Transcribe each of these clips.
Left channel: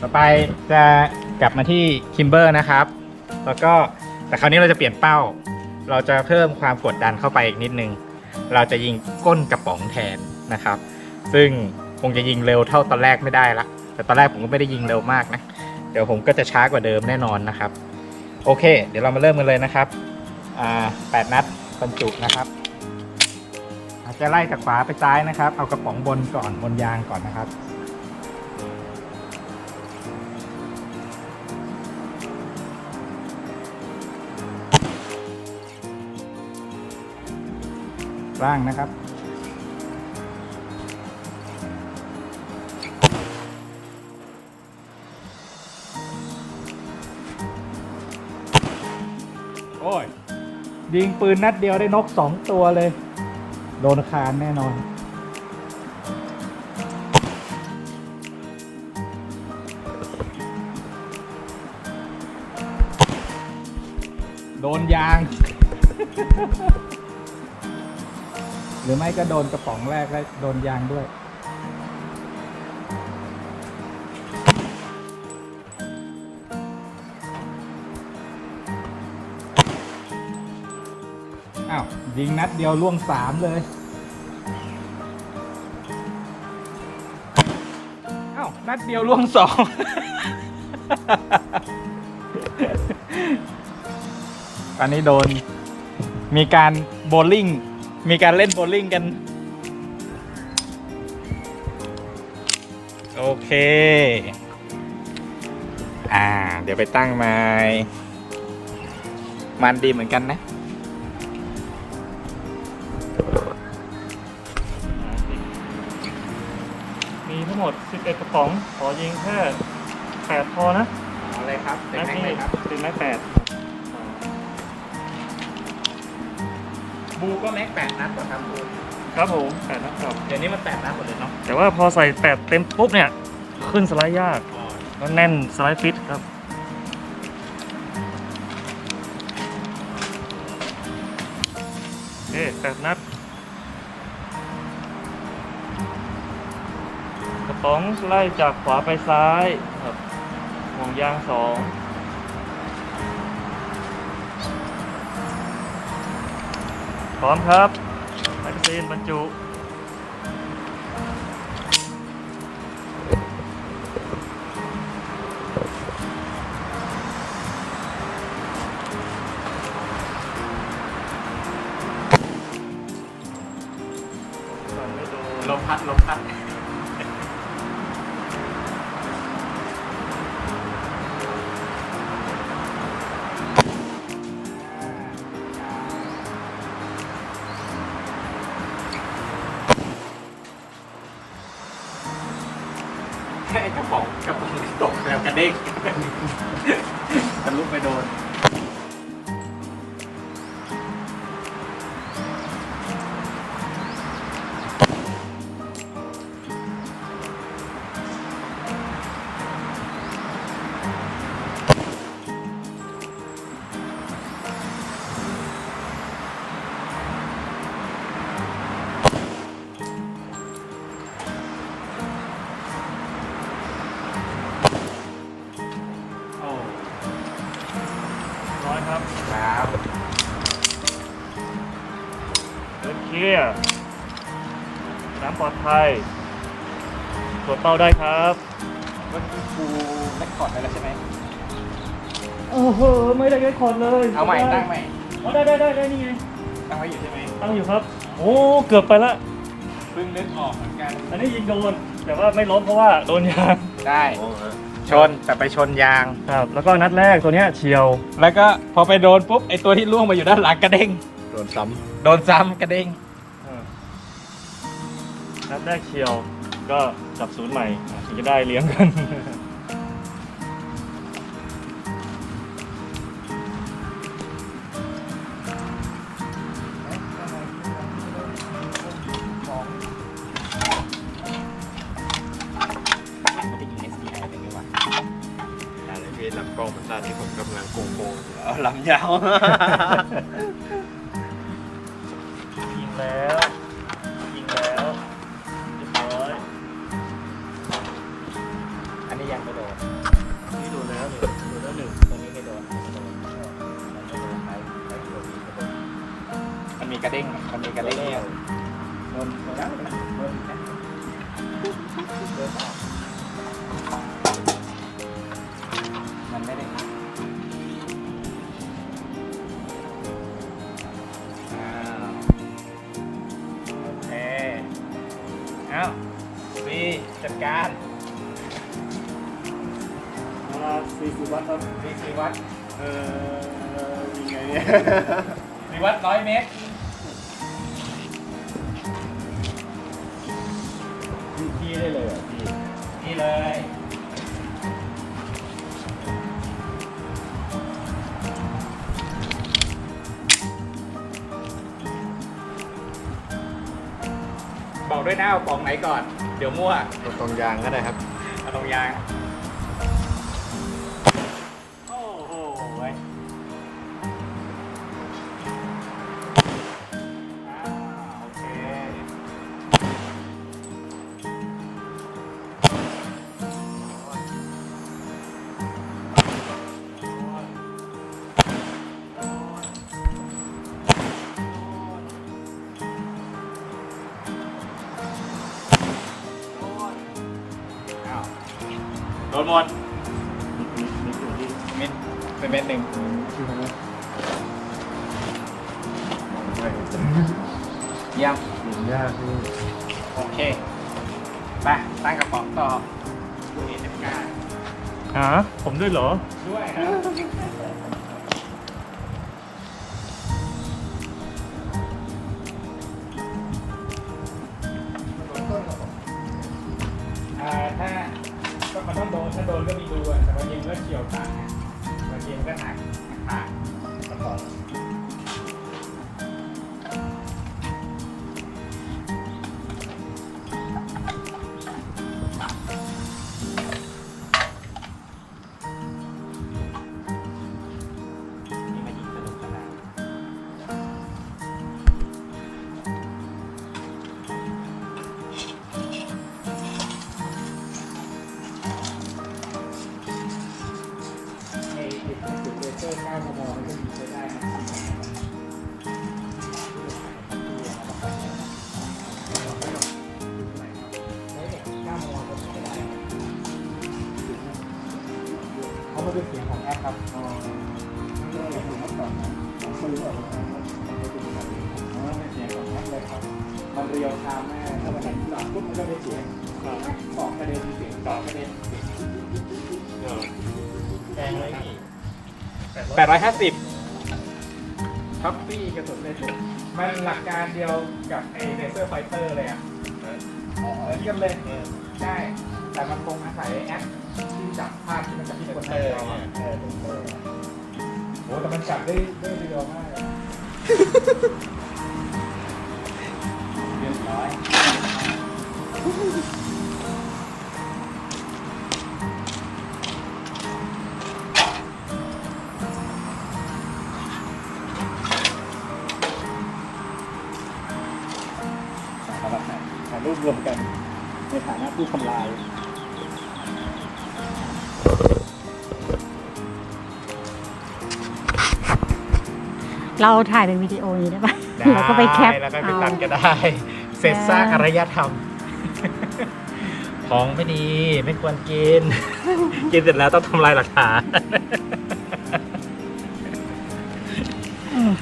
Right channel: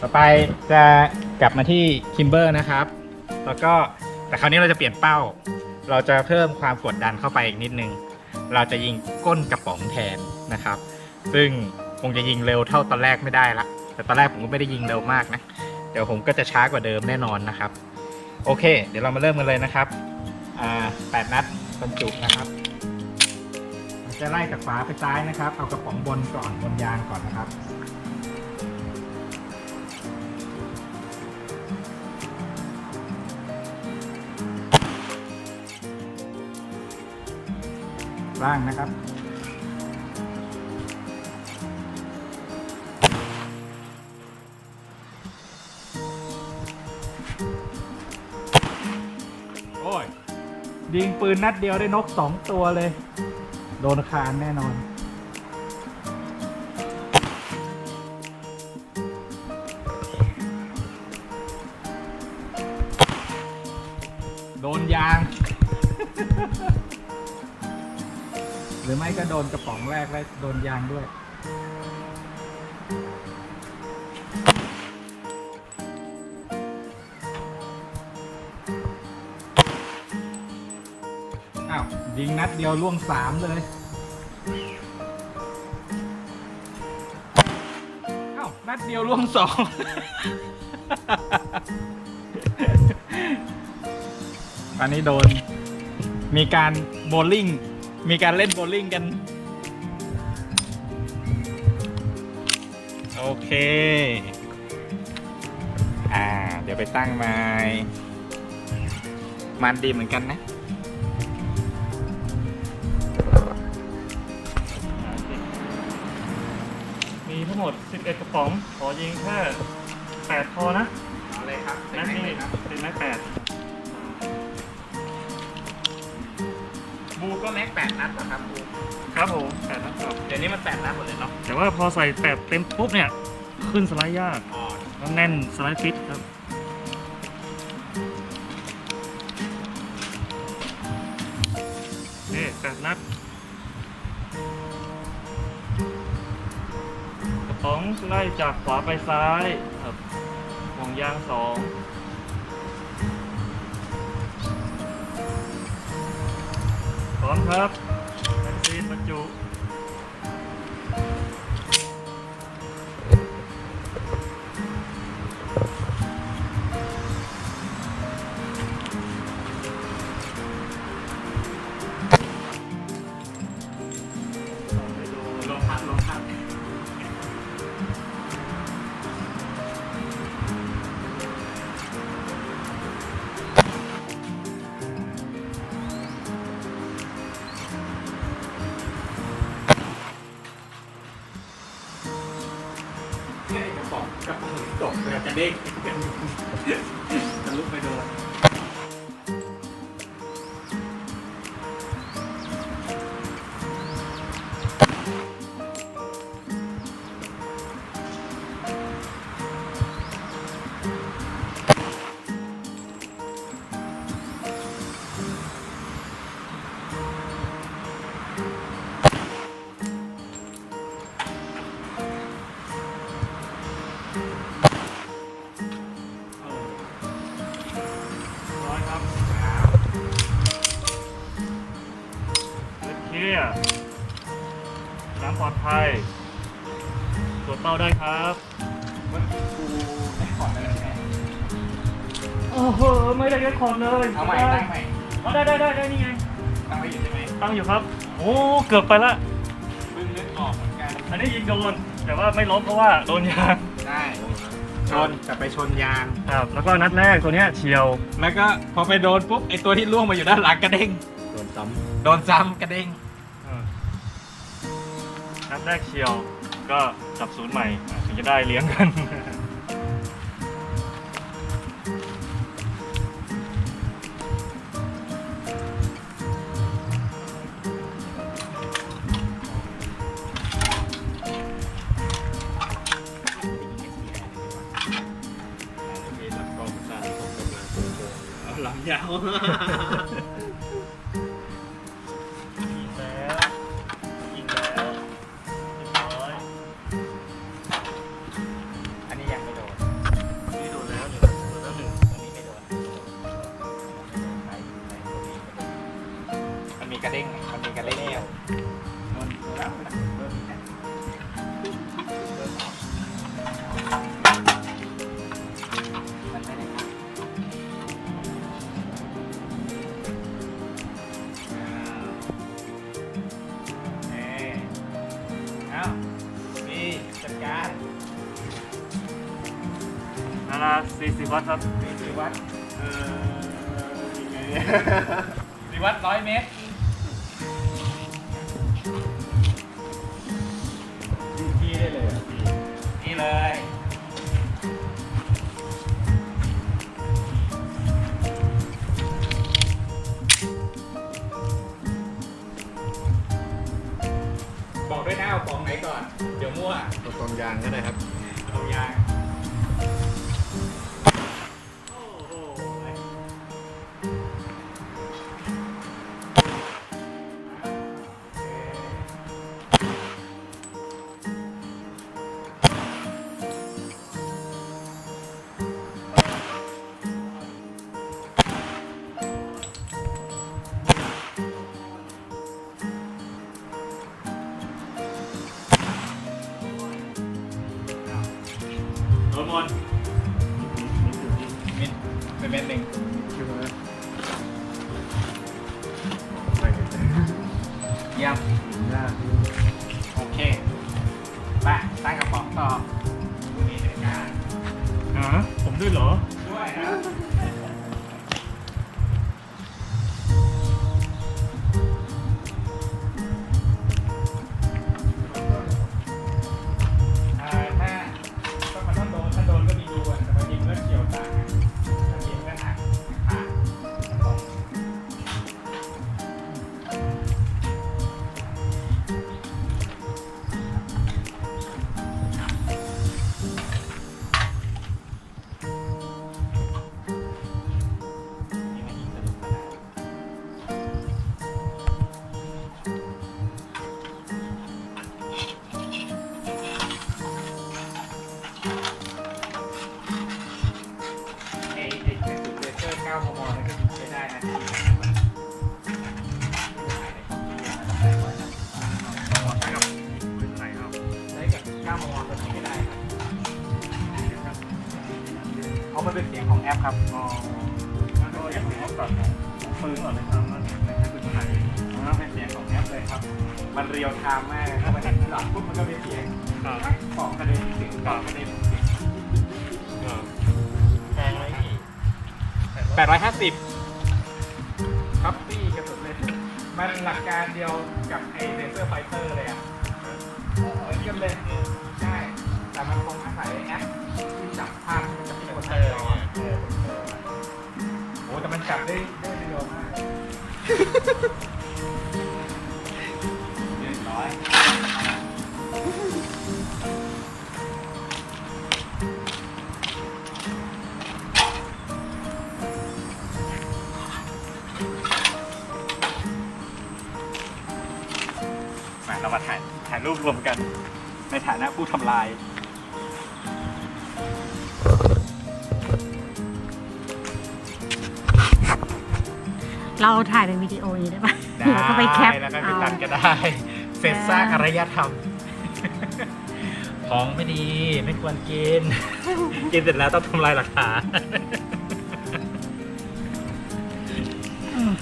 ต่อไปจะกลับมาที่คิมเบอร์นะครับ แล้วก็แต่คราวนี้เราจะเปลี่ยนเป้า เราจะเพิ่มความกดดันเข้าไปอีกนิดนึง เราจะยิงก้นกระป๋องแทนนะครับ ซึ่งคงจะยิงเร็วเท่าตอนแรกไม่ได้ละ แต่ตอนแรกผมก็ไม่ได้ยิงเร็วมากนะ เดี๋ยวผมก็จะช้ากว่าเดิมแน่นอนนะครับ โอเค เดี๋ยวเรามาเริ่มกันเลยนะครับ อ่าแปดนัดบรรจุนะครับจะไล่จากขวาไปซ้ายนะครับ เอากระป๋องบนก่อนบนยางก่อนนะครับ ร่างนะครับ โอ้ย ยิงปืนนัดเดียวได้นกสองตัวเลย โดนคานแน่นอน โดนยางห รือไม่ก็โดนกระป๋องแรกแล้วโดนยางด้วย อ้าว ยิงนัดเดียวล่วงสามเลย อ้าว นัดเดียวล่วงสอง อันนี้โดนมีการโบว์ลิ่ง มีการเล่นโบลิ่งกัน โอเค อ่า เดี๋ยวไปตั้งไม้มันดีเหมือนกันนะมีทั้งหมด 11 กระป๋อง ขอยิงแค่8พอนะ เอาเลยครับ นัดนี้ติดไม้8 บูก็แม็กแปดนัดเหรอครับบูครับผมแปดนะครับ เดี๋ยวนี้มันแปดนัดหมดเลยเนาะแต่ว่าพอใส่8เต็มปุ๊บเนี่ย ขึ้นสไลด์ยากอ๋อแล้วแน่นสไลด์ฟิตครับโอเคแปดนัด กระป๋องไล่จากขวาไปซ้ายครับห่วงยางสอง พร้อมครับแมกกาซีนบรรจุ ต เดินเคลียร์น้ำปลอดภัยตรวจเป้าได้ครับเมื่อกี้กูได้ขอดไปแล้วใช่ไหมโอ้โหไม่ได้ยัดคอร์ดเลยเอาใหม่ตั้งใหม่เอาได้ได้ได้ได้นี่ไงตั้งไว้อยู่ใช่ไหมตั้งอยู่ครับ โอ้เกือบไปละเพิ่งนึกออกเหมือนกัน อันนี้ยิงโดนแต่ว่าไม่ล้มเพราะว่าโดนยางได้ชนแต่ไปชนยางครับ แล้วก็นัดแรกตัวเนี้ยเฉียว แล้วก็พอไปโดนปุ๊บไอตัวที่ล่วงมาอยู่ด้านหลังกระเด้งโดนซ้โดนซ้ำกระเด้งอ่า นัดแรกเฉียวก็จับศูนย์ใหม่อะถึงจะได้เลี้ยงกันำเวลำกล้องมันสั้นที่ผมกำลังโกงโกงอยู่อ๋อลำยาว หนึ่งตัวนี้ไม่โดนมันมีกระเด้งมันมีกระเด้งเนี่ยโดนโดนแล้วนะโดนอีกนะโดนออกมันไม่ได้อ้าวโอเคเอาบีจัดการ นาราสี่สิบวัตต์ครับบีสี่วัดเออยังไงเนี่ย สี่วัดร้อยเมตร พี่ได้เลยเหรอะพี่นี่เลย บอกด้วยนะเอาของไหนก่อน เดี๋ยวมั่วตัวตรงยางก็ได้ครับ เอาตรงยาง นหมดนี่คือที่เม็ดเป็นเม็ดหนึ่งคิวนะเยี่ยมหินยากที่โอเคไปตั้งกระป๋องต่อคุณเอจัดการหาผมด้วยเหรอ ด้วยครับ โดนก็มีดูอะแต่บางทีมันก็เฉียวต่างอะบางทีมันก็หักหักกระ กับ9มมคนใช้ได้นะเพราะมันเป็นเสียงของแอปครับอ๋อมันก็ยังเป็นเมื่อก่อนนะปืนก่อนเลยครับว่าเป็นปืนไหนมันเป็นเสียงของแอปเลยครับ มันเรียวไทม์มากถ้ามันหลับปุ๊บมันก็เป็นเสียงครับปอกกระเด็นเสียงปอกกระเด็นเสียงแพงไหมพี่แปดร้อยห้าสิบท็อปปี้กระสุนเลยมันหลักการเดียวกับไอเลเซอร์ไฟเตอร์เลยอะ เหมือนกันเลยใช่แต่มันคงอาศัยแอปที่จับภาพที่มันจับที่คนไทยเรอเออเป็นเตอร์โอ้แต่มันจับได้ได้เร็วมาก รูปรวมกัน ในฐานะผู้ทำลาย เราถ่ายเป็นวิดีโออย่างนี้ได้ปะแล้วก็ไปแคปแล้วก็ไปเอาตัดก็ได้ เสร็จสร้างอารยธรรม ของไม่ดีไม่ควรกิน กินเสร็จแล้วต้องทำลายหลักฐานอืม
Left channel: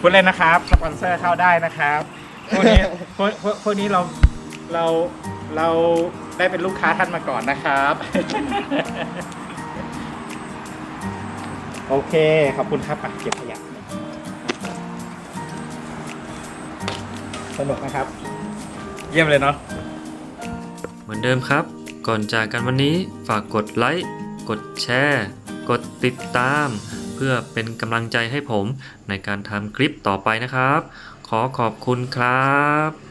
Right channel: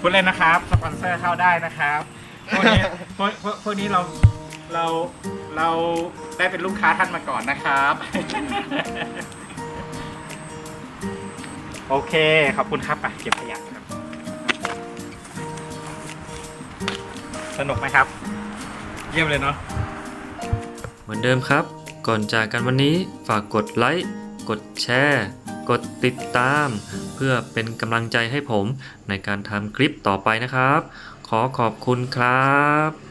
พูดเล่นนะครับ สปอนเซอร์เข้าได้นะครับ พวกนี้พวกพวกพวกนี้เรา เราเราได้เป็นลูกค้าท่านมาก่อนนะครับ โอเค ขอบคุณครับอะเก็บขยะครับสนุกไหมครับ เยี่ยมเลยเนาะ เหมือนเดิมครับ ก่อนจากกันวันนี้ฝากกดไลค์ กดแชร์ กดติดตาม เพื่อเป็นกำลังใจให้ผมในการทำคลิปต่อไปนะครับ ขอขอบคุณครับ